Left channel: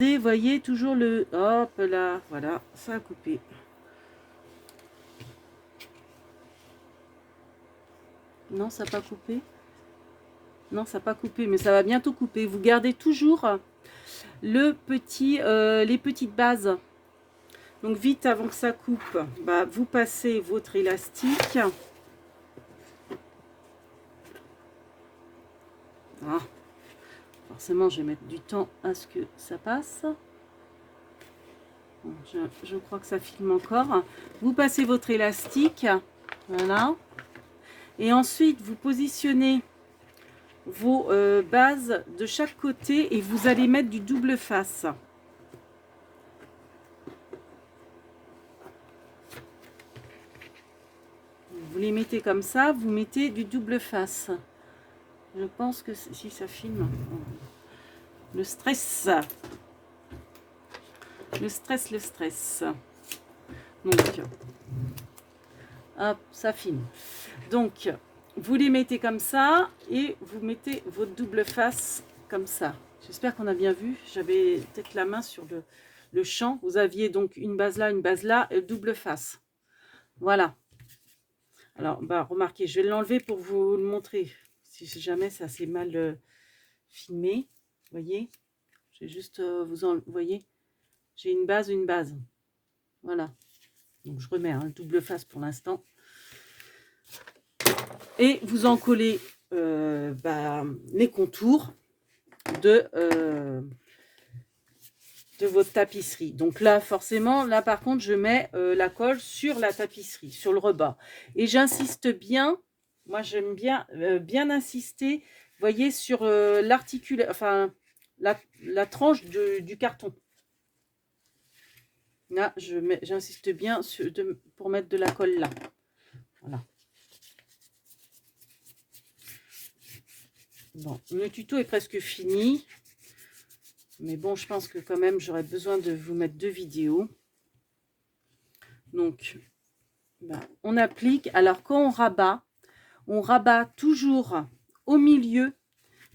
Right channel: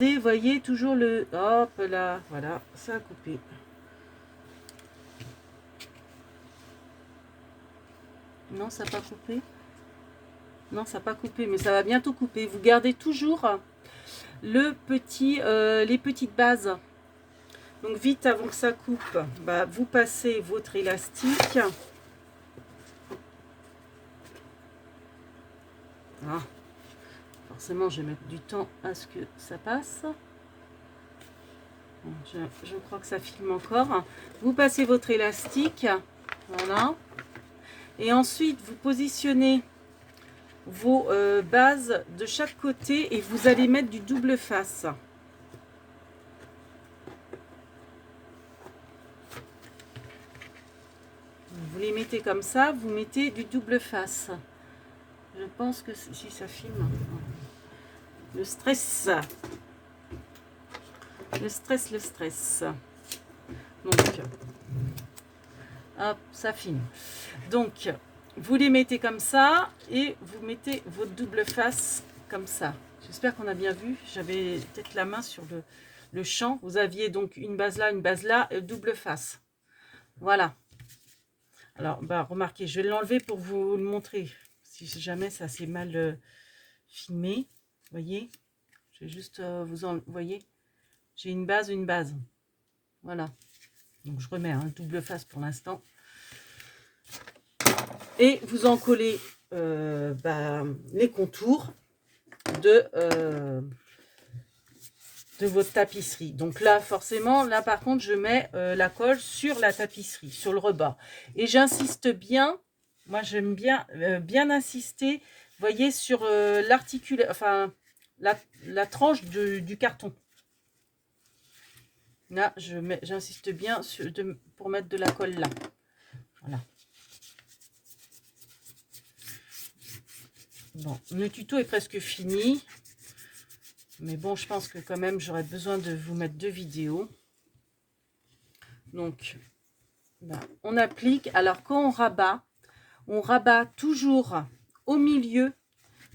Vous voyez toujours le... Hop là, voilà, ça a coupé. Non, ça n'a pas coupé. Non, ça n'a pas coupé, mais ça va bientôt couper. Vous gardez toujours le petit, les petites bases. Donc vite avant que ça coupe, bah, vous passez votre élastique. Ah, forcément, je vais mettre du temps à ce que ça passe. Je crois que ça filme encore. Vous passez votre élastique, voilà. Et ensuite, vous positionnez vos bases de chaque côté et vous allez mettre du double face. Vous les mettez comme ça, vous mettez du double face. Je pense que si ça filme, le stress. Le stress, le stress. Donc, hop, ça filme. Donc, vous les mettez comme ça et vous mettez votre double face comme ça. J'espère qu'on a bien vu. J'avais peut-être la main sur le champ. Vous aviez donc une base là, et double face. Voilà. Alors, bah, remarquez, je vais l'enlever pour vous le montrer. Si jamais ça s'est mal filmé. Vous voyez, je vais juste vous voyez, j'ai une base, une base. Voilà. Donc, je remets un double face pour l'instant. Et vous en collez les contours de votre tapisserie. Donc là, forcément, là par contre, je mets la colle sur la tapisserie, sur le rebas. Et j'insiste bien, moi j'aime bien, bien insister, voyez, sur enfin, la tranche du carton. Là, j'insiste bien pour mettre de la colle là. Voilà. Bon, le tuto est presque fini. Mais bon, je pense que quand même, j'aurais besoin de vous mettre 2 vidéos. Donc, ben, on applique. Alors, quand on rabat toujours au milieu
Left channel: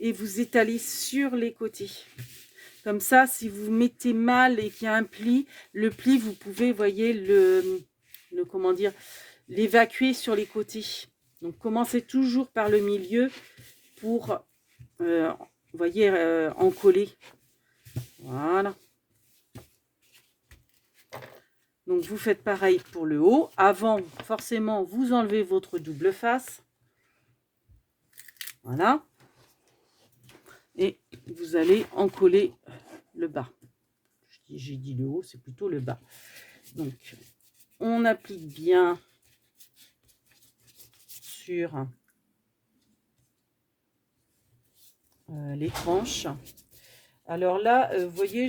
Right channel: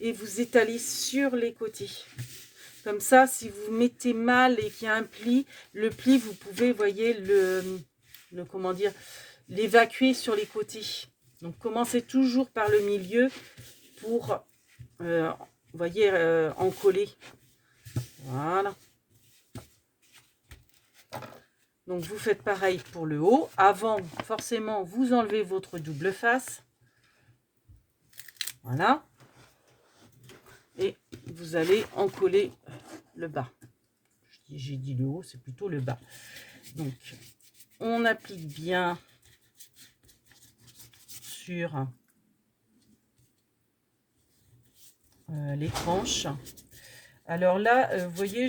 et vous étalez sur les côtés. Comme ça, si vous mettez mal et qu'il y a un pli, le pli, vous pouvez, voyez, comment dire, l'évacuer sur les côtés. Donc, commencez toujours par le milieu pour, voyez, encoller. Voilà. Donc, vous faites pareil pour le haut. Avant, forcément, vous enlevez votre double face. Voilà. Et vous allez encoller le bas. J'ai dit le haut, c'est plutôt le bas. Donc, on applique bien sur les tranches. Alors là, vous voyez,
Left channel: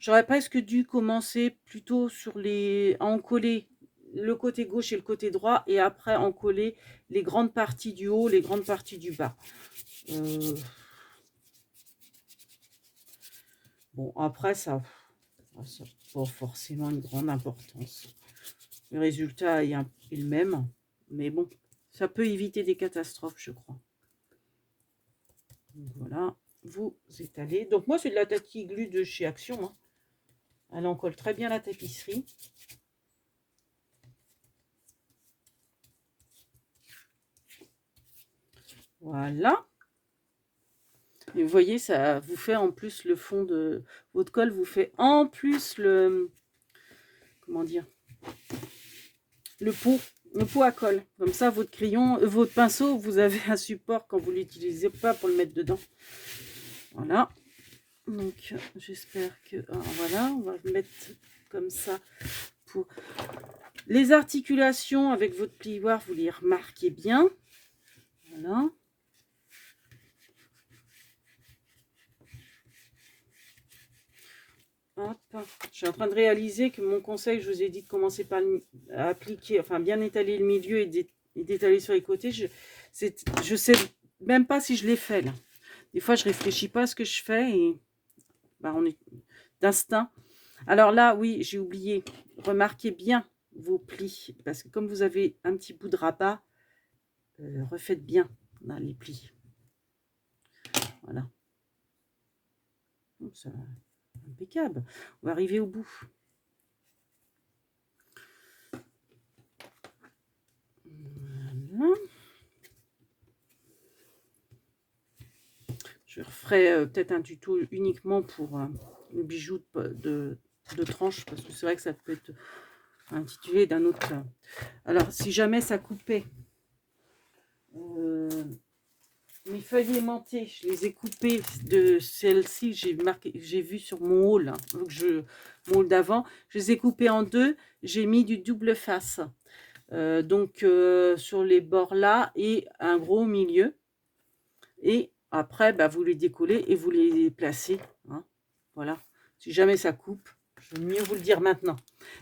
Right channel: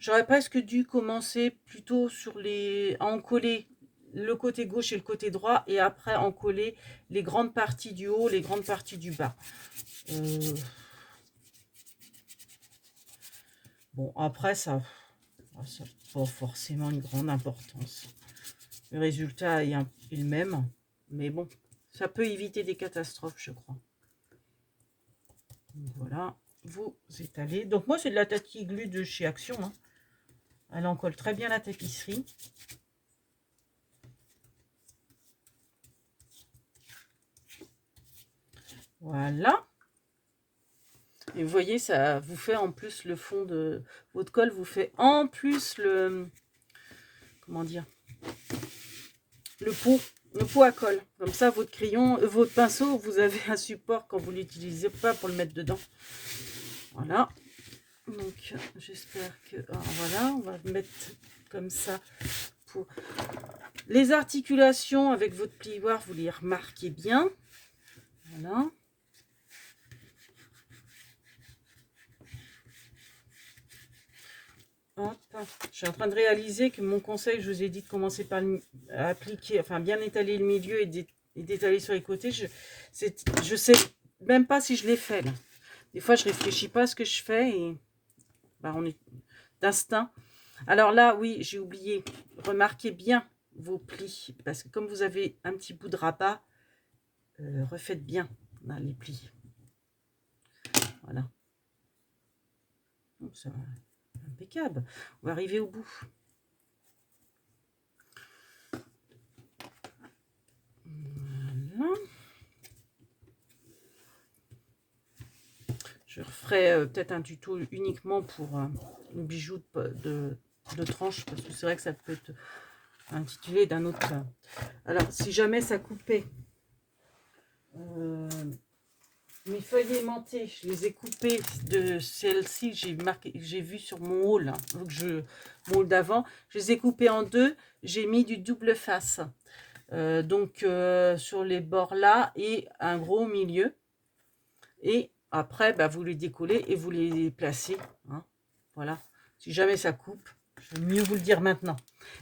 j'aurais presque dû commencer plutôt à encoller le côté gauche et le côté droit et après encoller les grandes parties du haut, les grandes parties du bas. Bon, après, ça n'a pas forcément une grande importance. Le résultat est le même, mais bon, ça peut éviter des catastrophes, je crois. Donc voilà, vous étalez. Donc moi, c'est de la Tati Glue de chez Action. Hein. Elle en colle très bien la tapisserie. Voilà. Et vous voyez, ça vous fait en plus le fond de votre colle, vous fait en plus comment dire, le pot à colle. Comme ça, votre crayon, votre pinceau, vous avez un support quand vous ne l'utilisez pas pour le mettre dedans. Voilà. Donc, j'espère que... voilà, on va mettre comme ça pour... Les articulations avec votre plioir, vous les remarquez bien. Voilà. Hop. Je suis en train de réaliser que mon conseil, je vous ai dit de commencer par appliquer, enfin bien étaler le milieu et d'étaler sur les côtés. Je sais même pas si je l'ai fait là. Des fois, je réfléchis pas à ce que je fais et on est d'instinct. Alors là, oui, j'ai oublié. Remarquez bien vos plis parce que comme vous avez un petit bout de rabat, refaites bien dans les plis. Voilà. Donc, ça, impeccable. On va arriver au bout. Voilà. Je referai peut-être un tuto uniquement pour le bijou de tranche, parce que c'est vrai que ça peut être intitulé d'un autre. Alors, si jamais ça coupait, mes feuilles aimantées, je les ai coupées de celles-ci, j'ai vu sur mon haul, hein, donc mon haul d'avant, je les ai coupées en deux, j'ai mis du double face. Donc sur les bords là et un gros milieu. Et après, bah, vous les décollez et vous les placez. Hein. Voilà. Si jamais ça coupe, je vais mieux vous le dire maintenant.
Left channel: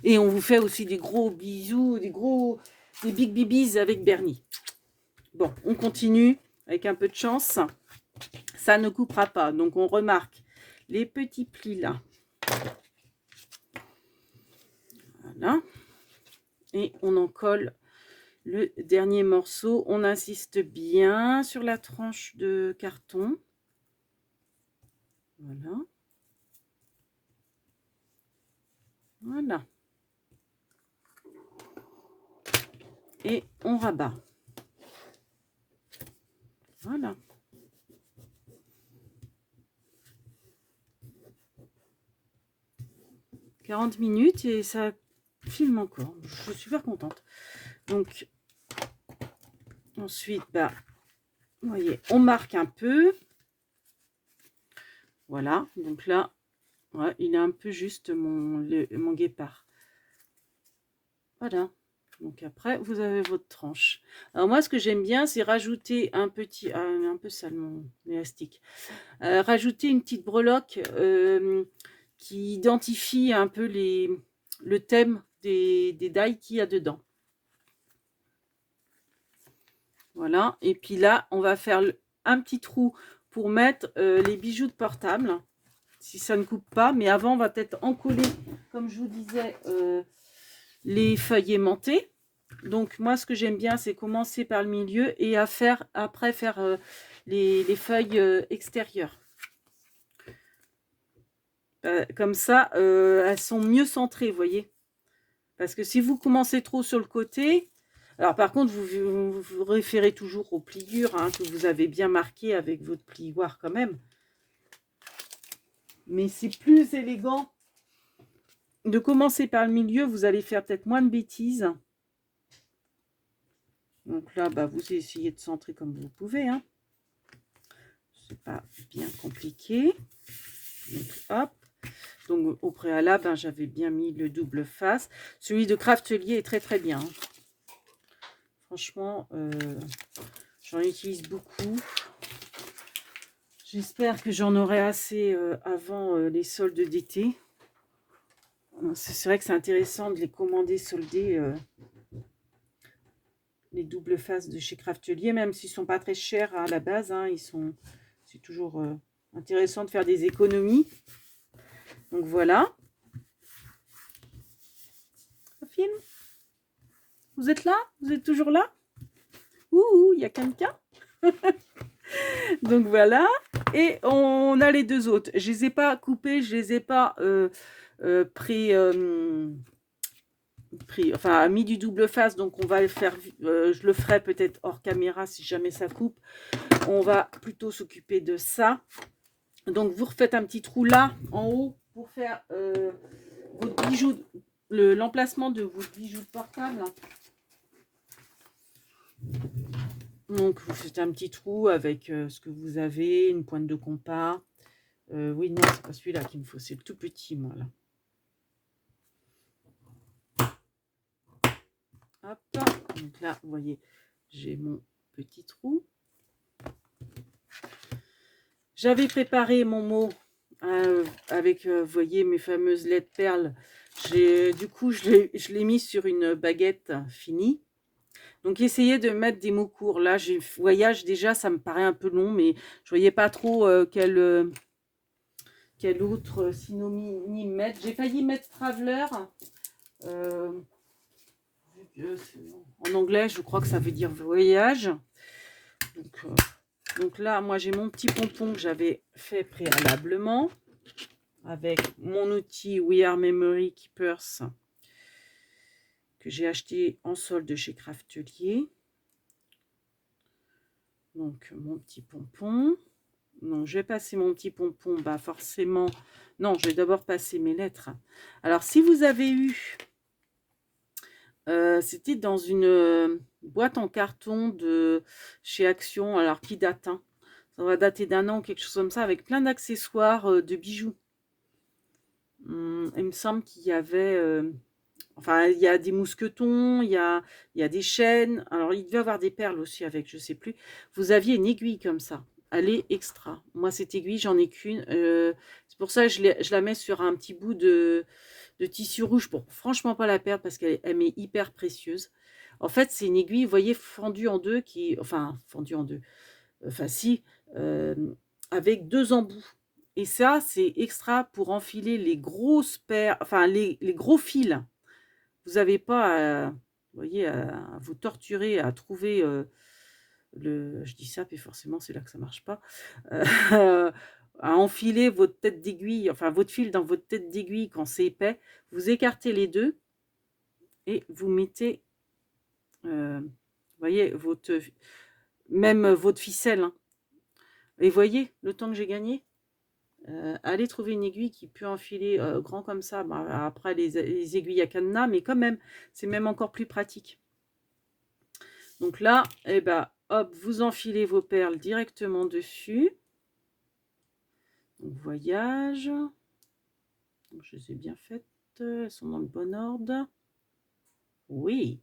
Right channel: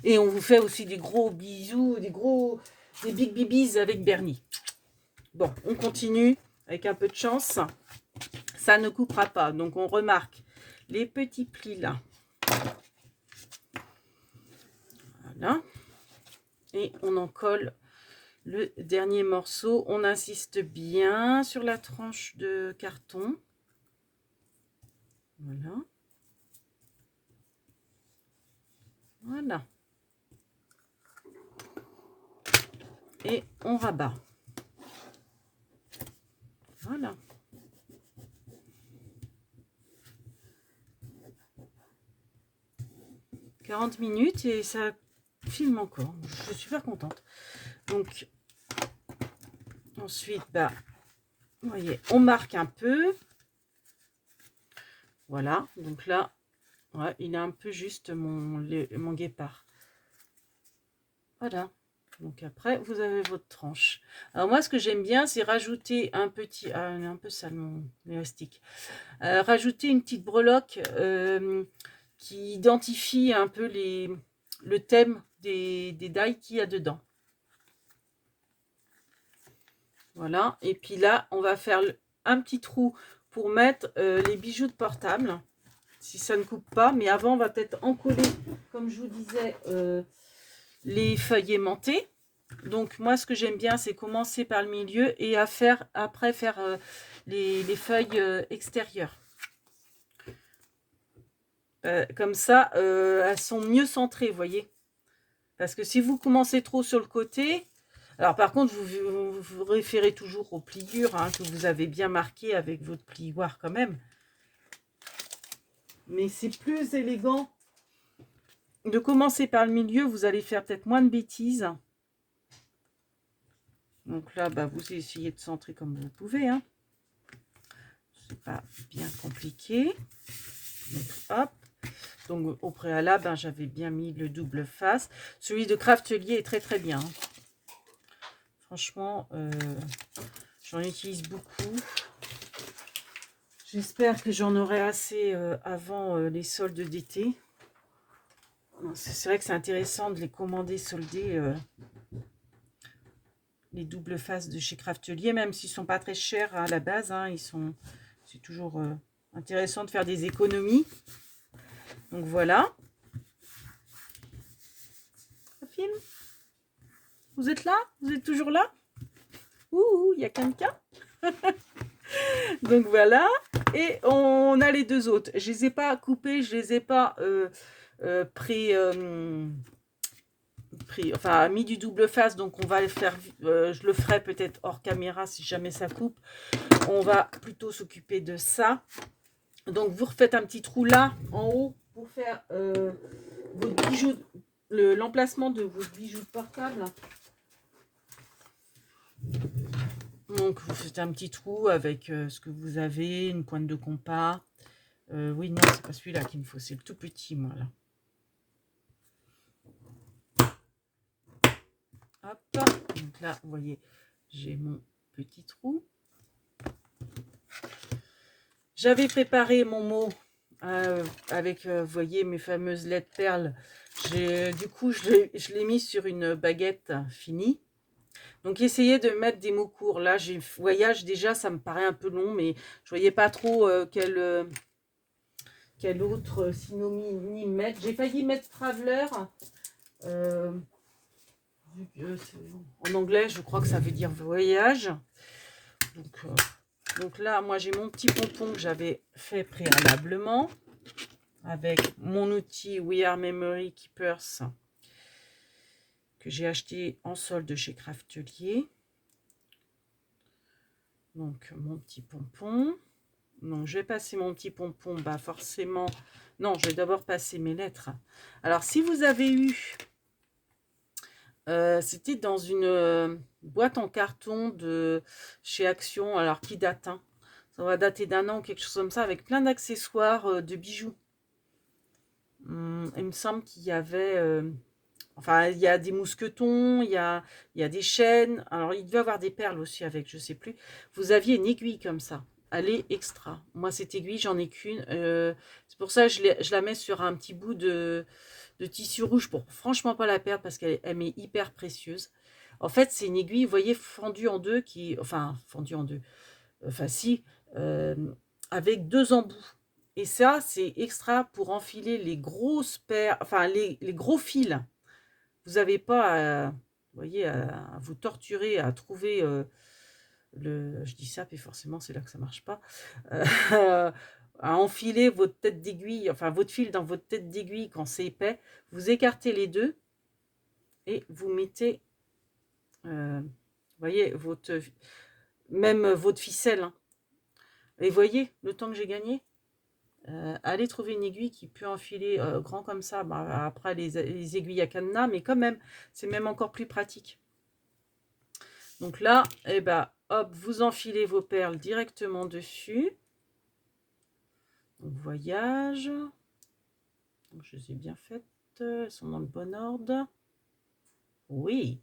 Et on vous fait aussi des gros bisous, des big bibis avec Bernie. Bon, on continue avec un peu de chance. Ça ne coupera pas. Donc on remarque les petits plis là. Voilà. Et on en colle le dernier morceau. On insiste bien sur la tranche de carton. Voilà. Voilà. Et on rabat. Voilà. « 40 minutes et ça filme encore. Je suis super contente. Donc, ensuite, bah, vous voyez, on marque un peu. Voilà. Donc là, ouais, il est un peu juste mon guépard. Voilà. Donc après, vous avez votre tranche. Alors moi, ce que j'aime bien, c'est rajouter un petit... Ah, un peu sale mon élastique. Rajouter une petite breloque qui identifie un peu le thème des die qu'il y a dedans. Voilà. Et puis là, on va faire un petit trou pour mettre les bijoux de portable. Si ça ne coupe pas. Mais avant, on va peut-être encoller, comme je vous disais, les feuilles aimantées. Donc moi, ce que j'aime bien, c'est commencer par le milieu et après faire les feuilles extérieures. Comme ça, elles sont mieux centrées, vous voyez. Parce que si vous commencez trop sur le côté, alors par contre, vous référez toujours aux pliures hein, que vous avez bien marquées avec votre plioir quand même. Mais c'est plus élégant de commencer par le milieu, vous allez faire peut-être moins de bêtises. Donc là, bah, vous essayez de centrer comme vous pouvez. Hein. C'est pas bien compliqué. Donc, hop. Donc au préalable, hein, j'avais bien mis le double face. Celui de Craftelier est très très bien. Hein. Franchement, j'en utilise beaucoup. J'espère que j'en aurai assez avant les soldes d'été. C'est vrai que c'est intéressant de les commander soldés, les doubles faces de chez Craftelier, même s'ils ne sont pas très chers à la base. Hein, c'est toujours intéressant de faire des économies. Donc voilà. Ça filme? Vous êtes là? Vous êtes toujours là? Ouh, il y a quelqu'un. Donc voilà. Et on a les deux autres. Je ne les ai pas coupés, je ne les ai pas enfin mis du double face. Donc on va le faire, je le ferai peut-être hors caméra si jamais ça coupe. On va plutôt s'occuper de ça. Donc vous refaites un petit trou là en haut pour faire votre bijou, l'emplacement de vos bijoux de portable. Donc vous faites un petit trou avec ce que vous avez, une pointe de compas. Oui, non, c'est pas celui-là qu'il me faut, c'est le tout petit, moi, là. Hop, donc là, vous voyez, j'ai mon petit trou. J'avais préparé mon mot avec, vous voyez, mes fameuses lettres perles. Du coup, je l'ai mis sur une baguette finie. Donc, essayez de mettre des mots courts. Là, j'ai voyage déjà, ça me paraît un peu long, mais je voyais pas trop quel autre synonyme mettre. J'ai failli mettre traveler. En anglais, je crois que ça veut dire voyage. Donc là, moi, j'ai mon petit pompon que j'avais fait préalablement. avec mon outil We Are Memory Keepers que j'ai acheté en solde chez Craftelier. Donc mon petit pompon. Donc je vais passer mon petit pompon, bah forcément, non, je vais d'abord passer mes lettres. Alors si vous avez eu, c'était dans une boîte en carton de chez Action, alors qui date, hein, ça va dater d'un an, quelque chose comme ça, avec plein d'accessoires de bijoux. Il me semble qu'il y avait, enfin il y a des mousquetons, il y a des chaînes, alors il devait y avoir des perles aussi avec, je sais plus. Vous aviez une aiguille comme ça. Elle est extra. Moi, cette aiguille, j'en ai qu'une. C'est pour ça que je la mets sur un petit bout de tissu rouge pour franchement pas la perdre parce qu'elle m'est hyper précieuse. En fait, c'est une aiguille, vous voyez, fendue en deux, enfin, fendue en deux, enfin si, euh, avec deux embouts. Et ça, c'est extra pour enfiler les grosses paires, enfin, les gros fils. Vous n'avez pas, vous voyez, à vous torturer, à trouver... je dis ça, puis forcément, c'est là que ça marche pas. À enfiler votre tête d'aiguille, enfin votre fil dans votre tête d'aiguille quand c'est épais. Vous écartez les deux et vous mettez, vous voyez, même votre ficelle. Hein. Et voyez le temps que j'ai gagné. Allez trouver une aiguille qui peut enfiler grand comme ça. Bah, après les aiguilles à cadenas, mais quand même, c'est même encore plus pratique. Donc là, eh ben, hop, vous enfilez vos perles directement dessus. Donc, voyage. Donc, je les ai bien faites. Elles sont dans le bon ordre. Oui.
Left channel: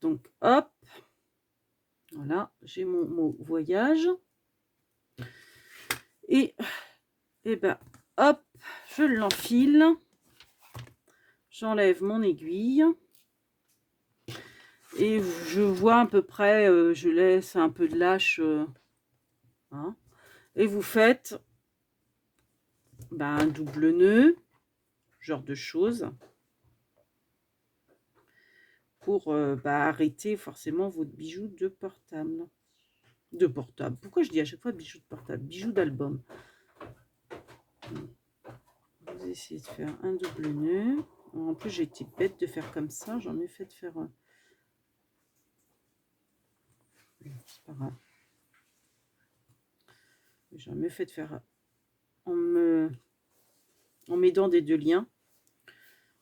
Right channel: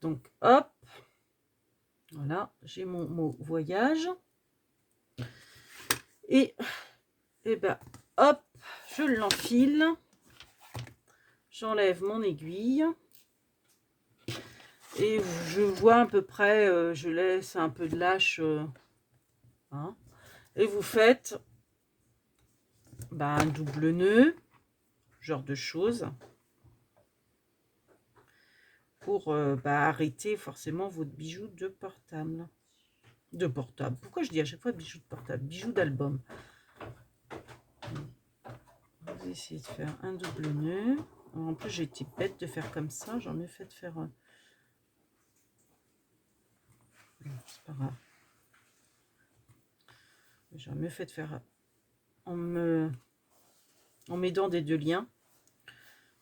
Donc, hop. Voilà, j'ai mon mot voyage. Et ben, hop, je l'enfile. J'enlève mon aiguille. Et je vois à peu près, je laisse un peu de lâche. Hein, et vous faites un double nœud, genre de choses, pour arrêter forcément votre bijou de portable. De portable. Pourquoi je dis à chaque fois bijoux de portable? Bijoux d'album. Vous essayez de faire un double nœud. En plus, j'ai été bête de faire comme ça. J'en ai fait de faire un. C'est pas grave. J'en ai fait de faire en m'aidant des deux liens.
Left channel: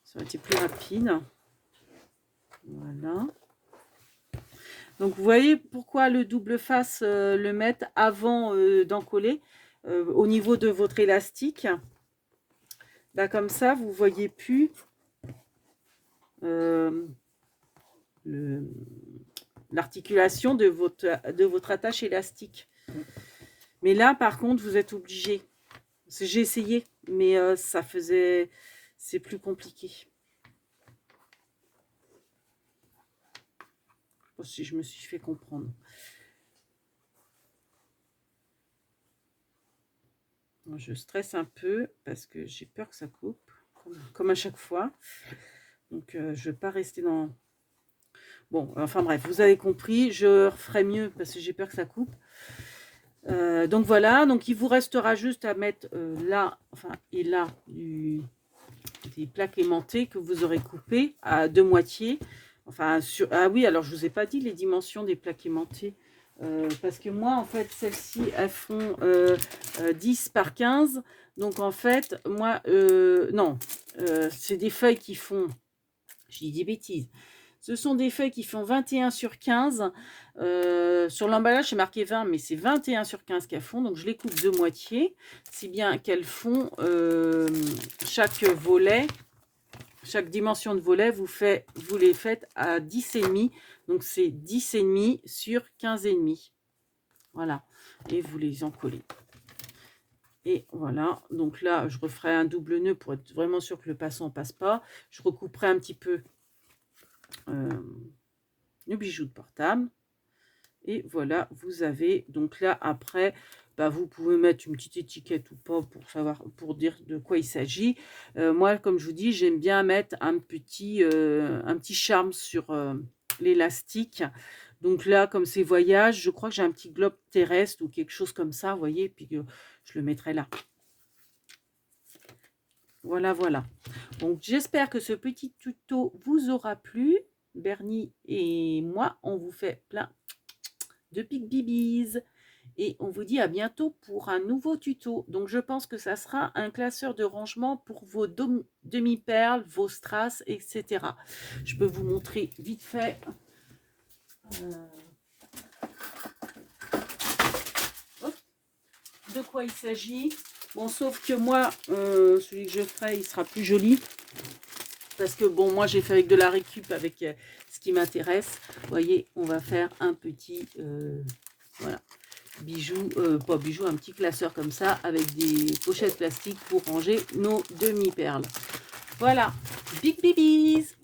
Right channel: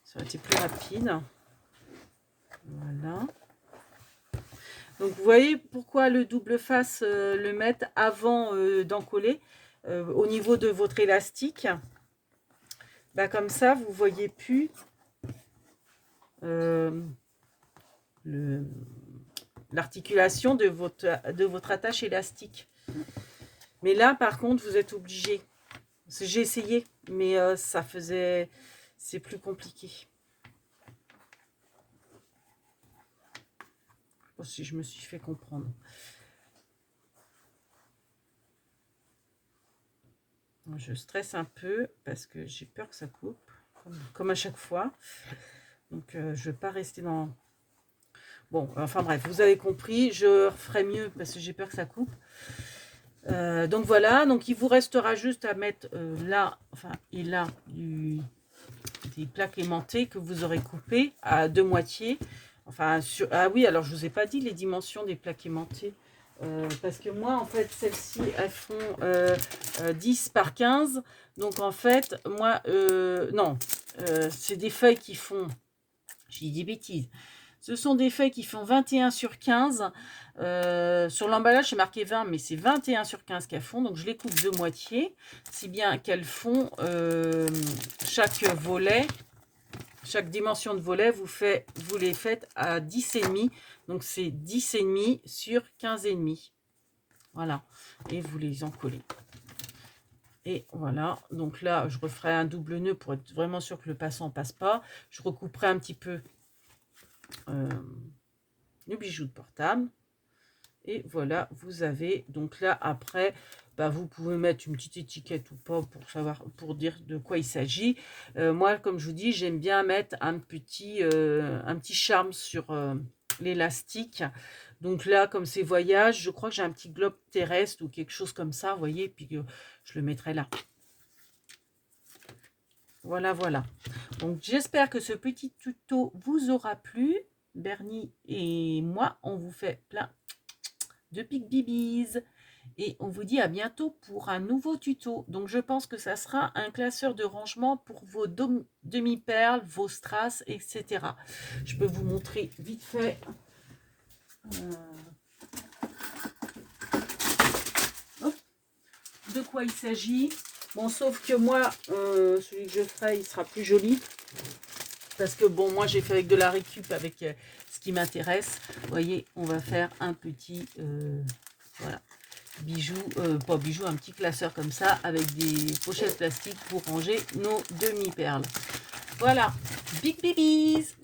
Ça aurait été plus rapide. Voilà. Donc, vous voyez pourquoi le double face, le mettre avant d'encoller au niveau de votre élastique. Bah, comme ça, vous ne voyez plus l'articulation de votre attache élastique. Mais là, par contre, vous êtes obligé. J'ai essayé, mais c'est plus compliqué. Je sais pas si je me suis fait comprendre. Je stresse un peu parce que j'ai peur que ça coupe, comme à chaque fois. Donc, je ne vais pas rester dans... Bon, enfin bref, vous avez compris. Je referai mieux parce que j'ai peur que ça coupe. Donc voilà, donc il vous restera juste à mettre là, enfin, et là, des plaques aimantées que vous aurez coupées à deux moitiés. Enfin, ah oui, alors je vous ai pas dit les dimensions des plaques aimantées. Parce que moi, en fait, celles-ci, elles font 10 par 15. Donc, en fait, moi, non, c'est des feuilles qui font, je dis des bêtises, ce sont des feuilles qui font 21 sur 15. Sur l'emballage, c'est marqué 20, mais c'est 21 sur 15 qu'elles font. Donc, je les coupe de moitié, si bien qu'elles font chaque volet, chaque dimension de volet, vous les faites à 10,5. Donc, c'est 10,5 sur 15,5. Voilà. Et vous les encollez. Et voilà. Donc là, je referai un double nœud pour être vraiment sûr que le passant ne passe pas. Je recouperai un petit peu le bijou de portable. Et voilà, vous avez. Donc là, après, vous pouvez mettre une petite étiquette ou pas pour savoir, pour dire de quoi il s'agit. Moi, comme je vous dis, j'aime bien mettre un petit charme sur l'élastique. Donc là, comme c'est voyage, je crois que j'ai un petit globe terrestre ou quelque chose comme ça, vous voyez, puis je le mettrai là. Voilà, voilà. Donc, j'espère que ce petit tuto vous aura plu. Bernie et moi, on vous fait plein de pics bibis. Et on vous dit à bientôt pour un nouveau tuto. Donc, je pense que ça sera un classeur de rangement pour vos demi-perles, vos strass, etc. Je peux vous montrer vite fait. De quoi il s'agit. Bon, sauf que moi, celui que je ferai, il sera plus joli. Parce que, bon, moi, j'ai fait avec de la récup, avec ce qui m'intéresse. Vous voyez, on va faire un petit, voilà, bijou, pas bijou, un petit classeur comme ça, avec des pochettes plastiques pour ranger nos demi-perles. Voilà, big bibis.